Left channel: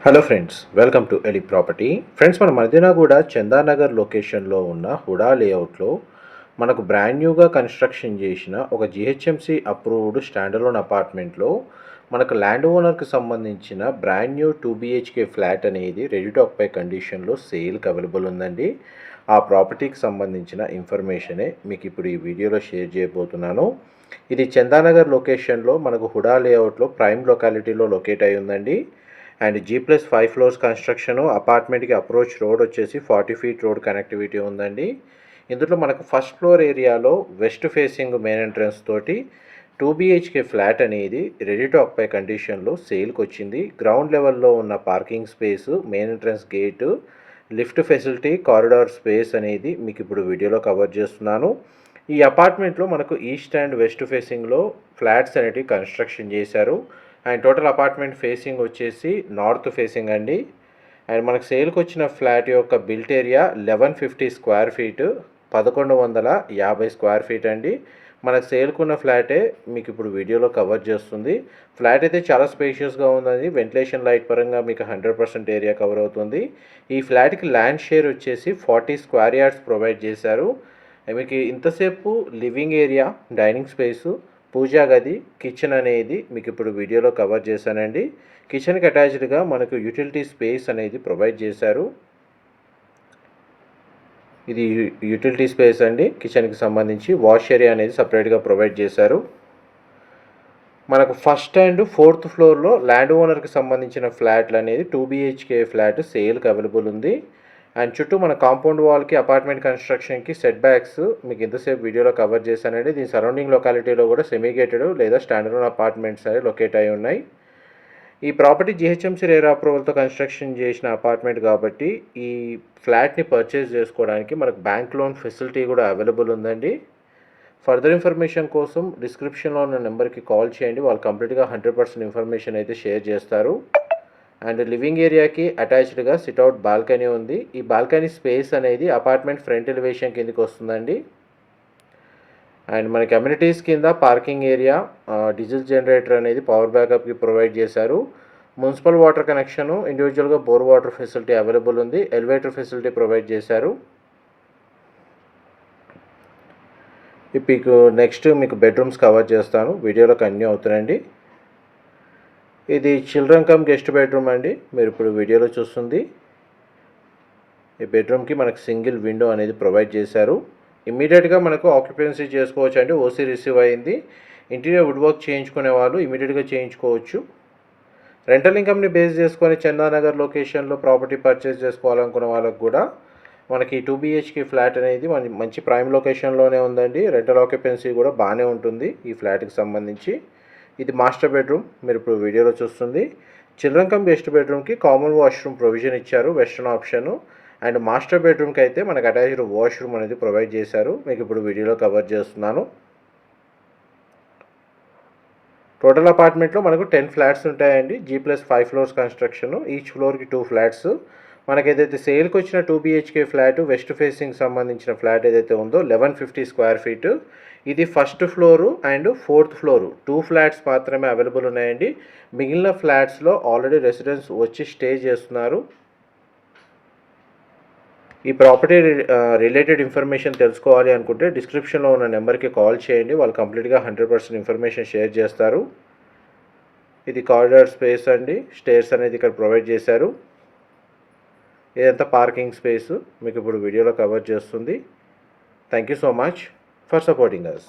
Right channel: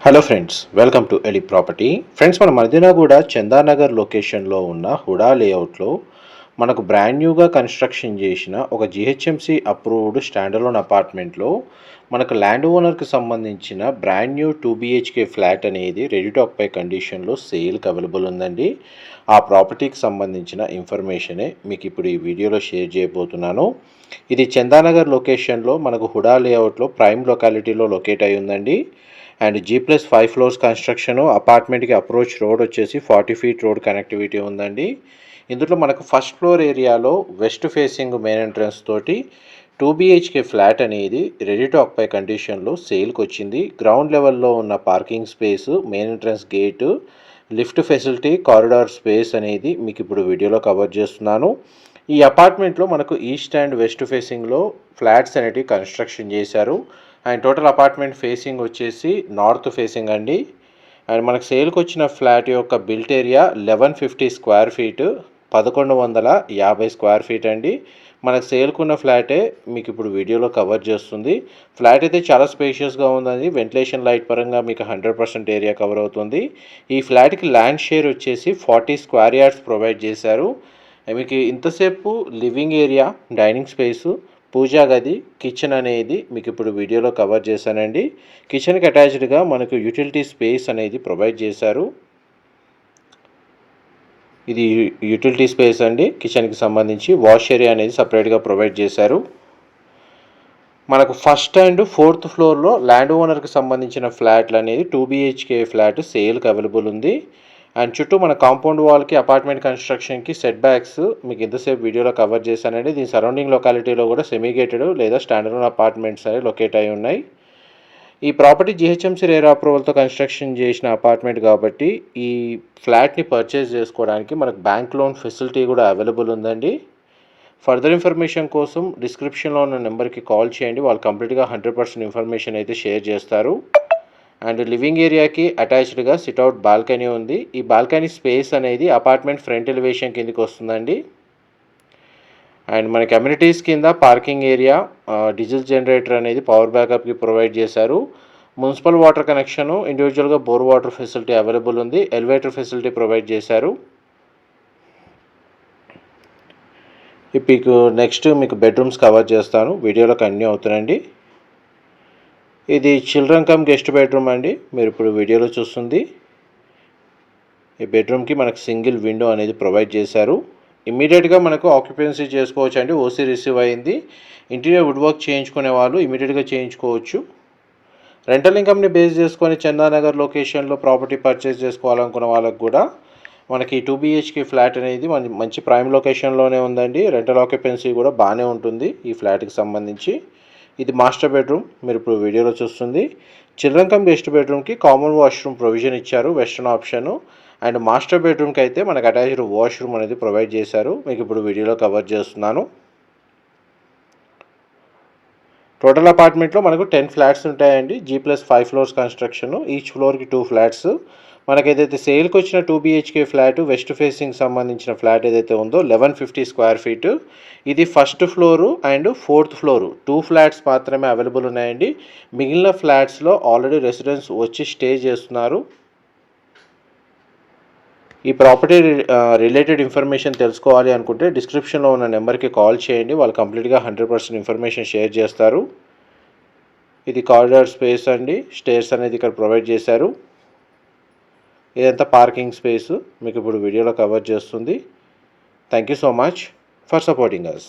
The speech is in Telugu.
హలో ఫ్రెండ్స్ వెల్కమ్ టు ఎలి ప్రాపర్టీ ఫ్రెండ్స్ మన మదీనాగూడ చందానగర్ లొకేషన్లో ఉన్న హుడా లేఅవుట్లో మనకు బ్రాండ్ న్యూగా కన్స్ట్రక్షన్ చేసిన ఒక జిహెచ్ఎంసి అప్రూవ్డ్ స్టాండర్లోన్ అపార్ట్మెంట్లో మనకు ల్యాండ్ ఓనర్కి సంబంధించిన brand new two BHK flat అనేది రెడీ టు ఆక్పై కండిషన్లో సేల్కి అవైలబుల్ ఉందండి. ఆ ప్రాపర్టీకి సంబంధించిన ఇన్ఫర్మేషనే మీకు ఇప్పుడు ఈ వీడియోలో షేర్ చేయబోతున్నాను. ఇది చందానగర్ లొకేషన్లో మనకు హుడా లేఅవుట్లో ప్రైమ్ లొకాలిటీలో లొకేట్ అయి ఉందండి. And G plus five floors construction అపార్ట్మెంట్కి approach road వచ్చేసి ఫార్టీ ఫీట్ రోడ్ కనెక్టివిటీ ఉందండి. ఇందులో మనకు ఫస్ట్ ఫ్లోర్ ఏరియాలో వెస్ట్ ఫేసింగ్ మెయిన్ ఎంట్రన్స్ తోటి టూ బీహెచ్కే ఫ్లాట్ అనేది రెడీ టు ఆక్పై కండిషన్లో సేల్కి వచ్చింది. గ్రౌండ్ లెవెల్లో ఉన్న parking space main entrance gate lift facility corridor space అనేది మీకు ఇప్పుడు వీడియోలో కవర్ చేస్తున్నాను. ఈ అపార్ట్మెంట్లో మనకు ఈస్ట్ అండ్ వెస్ట్ ఫేసింగ్లో ఫ్లాట్స్ అనేటివి కన్స్ట్రక్షన్ చేశారు. అండ్ టోటల్ అపార్ట్మెంట్ ఫేసింగ్ వచ్చేసి నార్త్ ఫేసింగ్ అండి. అండ్ మనకు సేల్కి వచ్చిన ఫ్లాట్ యొక్క built area eleven fifty square feet పదకొండు వందల యాభై స్క్వేర్ ఫీట్ అండి. మనకు సేల్కున్న ఫ్లాటే మీకు ఇప్పుడు వీడియోలో కవర్ చేస్తుంది. ఫ్లాట్ అయితే చాలా స్పేషియస్గా ఉందండి. వెంటిలేషన్ లైట్ పరంగా మీకు హండ్రెడ్ పర్సెంట్ ఏరియా కవర్ అవుతుంది. ఈ ఫ్లాట్కి ల్యాండ్ షేర్ వచ్చేసి ఫార్టీ స్క్వేర్ యార్డ్స్ ప్రొవైడ్ చేశారు. మీకు ఇంతసేపు లివింగ్ ఏరియా డైనింగ్ స్పేసు పూజా గది కిచెన్ అనేది మీకు ఇప్పుడు వీడియోలో కవర్ చేశానండి. కిచెన్కి అటాచ్డ్గా మనకు యూటిలిటీ స్పేస్ అనేది ప్రొవైడ్ చేశారు. ఇది యూటిలిటీ స్పేస్ అండి. కిచెన్కి సంబంధించి వాష్ ఏరియా అనేది సపరేట్గా ప్రొవైడ్ చేశారు. మనకు ఫస్ట్ అండ్ ఫోర్త్ ఫ్లోర్లో ల్యాండ్ ఓనర్కి సంబంధించిన ఫ్లాట్లు అనేది టూ బీహెచ్కే ఫ్లాట్ సేల్కి అవైలబుల్ ఉంది. అండ్ చుట్టూ మన కాంపౌండ్ వాల్కి అపార్ట్మెంట్ కన్స్ట్రక్షన్కి సెట్ బ్యాక్స్ మీకు ఎంతసేపు వీడియోలో కవర్ చేశానండి. దీని సరౌండింగ్ లొకాలిటీలో కూడా సెమీగేటెడ్ లేదా స్టాండర్డ్ అపార్ట్మెంట్స్ అనేవి లొకేట్ అయి ఉన్నాయి. ఈ ప్రాపర్టీ జిహెచ్ఎంసీ రేర్ అప్రూవల్తో కన్స్ట్రక్షన్ చేసిన అపార్ట్మెంట్ కాబట్టి ఈ ఫ్లాట్ని పర్చేస్ చేసుకోవడానికి మనకు బ్యాంక్ లోన్ ఫెసిలిటీ కూడా అవైలబుల్ ఉందండి. ఫర్దర్ ఇన్ఫర్మేషన్ కోసం డిస్క్రిప్షన్లో ఉన్న నెంబర్కి కాల్ చేయండి. వాళ్ళు కంప్లీట్గా హండ్రెడ్ పర్సెంట్ ఇన్ఫర్మేషన్ అయితే షేర్ చేస్తారు. అండ్ లివింగ్ ఏరియాకి అటాచ్డ్గా సిట్అవుట్ బాల్కనీ ఉంది. ఈ బాల్కనీ స్పేస్ అనేది అపార్ట్మెంట్ ఫ్రంట్ ఎలివేషన్ కిందకి వస్తుందండి. అండ్ మన కమ్యూనిటీస్ కింద పార్కింగ్ ఏరియా డీజిల్ జనరేటర్ అనేది పవర్ బ్యాకప్కి ప్రొవైడ్ చేశారు. మున్సిపల్ వాటర్ కనెక్షను ఇండివిజువల్గా బోర్ వాటర్ ఫెసిలిటీ అవైలబుల్ ఉంది. ఎలివేటర్ ఫెసిలిటీ ప్రొవైడ్ చేశారు. మీకు నెక్స్ట్ మీకు బెడ్రూమ్స్ కవర్ చేస్తాను. వీడియోలో కన్యూ అవుతున్నాయండి. ఇది చిల్డ్రన్ కమ్ గెస్ట్ బెడ్రూమ్ అండి. మీరు ఇప్పుడు వీడియోలో చూస్తుంది. ఈ బెడ్రూమ్కి మనకు సింగిల్ విండో అనేది ప్రొవైడ్ చేశారు. ఇమీడియట్గా మనకు ఆక్యుపెన్సీ చేసుకోవచ్చు అండి. ఓసీ రిసీవ్ అయింది. ఇంటీరియర్ వుడ్ వర్క్ చేయించుకునే వాళ్ళు ఇమీడియట్గా చేయించుకోవచ్చు. రెంటల్ ఇన్కమ్ని బేస్ చేసుకొని చందానగర్ లొకేషన్లో ప్రాపర్టీ పర్చేస్ చేసుకోవాలనుకున్న వాళ్ళకు కూడా మనకి టూ బీహెచ్కే ఫ్లాట్ అనేది మంచి ప్రైమ్ లొకేషన్లోనే ఉందండి. రెంటల్ ఆక్యుపెన్సీ కూడా బాగానే ఉంటుంది ఈ ఫ్లాట్కి సంబంధించి. ఇది మాస్టర్ బెడ్రూమ్ మీరు ఇప్పుడు వీడియోలో చూస్తుంది. చిల్డ్రన్ కమ్ గెస్ట్ బెడ్రూమ్కి కామన్ వాష్రూమ్ ప్రొవిజన్ ఇచ్చారు వెస్ట్రన్ ఆప్షను. అండ్ మాస్టర్ బెడ్రూమ్కి అయితే మనకు అటాచ్డ్ వాష్రూమ్ అనేది ప్రొవైడ్ చేశారు. మీకు ఇప్పుడు వీడియోలో కవర్ చేస్తున్నాను. టోటల్ అపార్ట్మెంట్లో మనకు టెన్ ఫ్లాట్స్ ఉంటాయండి. G plus five floors construction. Each ఫ్లోర్కి టూ ఫ్లాట్స్. మనకి ఏదైతే సేల్కి వచ్చిన two BHK flat west facing సంబంధించిన ఫ్లాట్ ఏదైతే ఉందో లెవెన్ ఫిఫ్టీ స్క్వేర్ ఫీట్ ఇది first floor and fourth floor two flats మాత్రమే అవైలబుల్ ఉన్నాయండి. మిగిలిన ఫ్లాట్స్లో ఆల్రెడీ రెసిడెన్స్ వచ్చి స్టే చేస్తున్నారు. ఈ ప్రాపర్టీ రిలేటెడ్ ఇన్ఫర్మేషన్ తెలుసుకోవాలి అనుకుంటే డిస్క్రిప్షన్లో ఉన్న నెంబర్కి కాల్ చేయండి. వాళ్ళు కంప్లీట్గా హండ్రెడ్ పర్సెంట్ ఇన్ఫర్మేషన్ షేర్ చేస్తారు. ఇది కారిడార్ స్పేస్ అండి. స్టేర్స్ అనేది ఇక్కడ ప్రొవైడ్ చేశారు. ఇదంతా పార్కింగ్ స్పేస్. మీకు ఇప్పుడు వీడియోలో కవర్ చేస్తుంది. Thank you so much for supporting us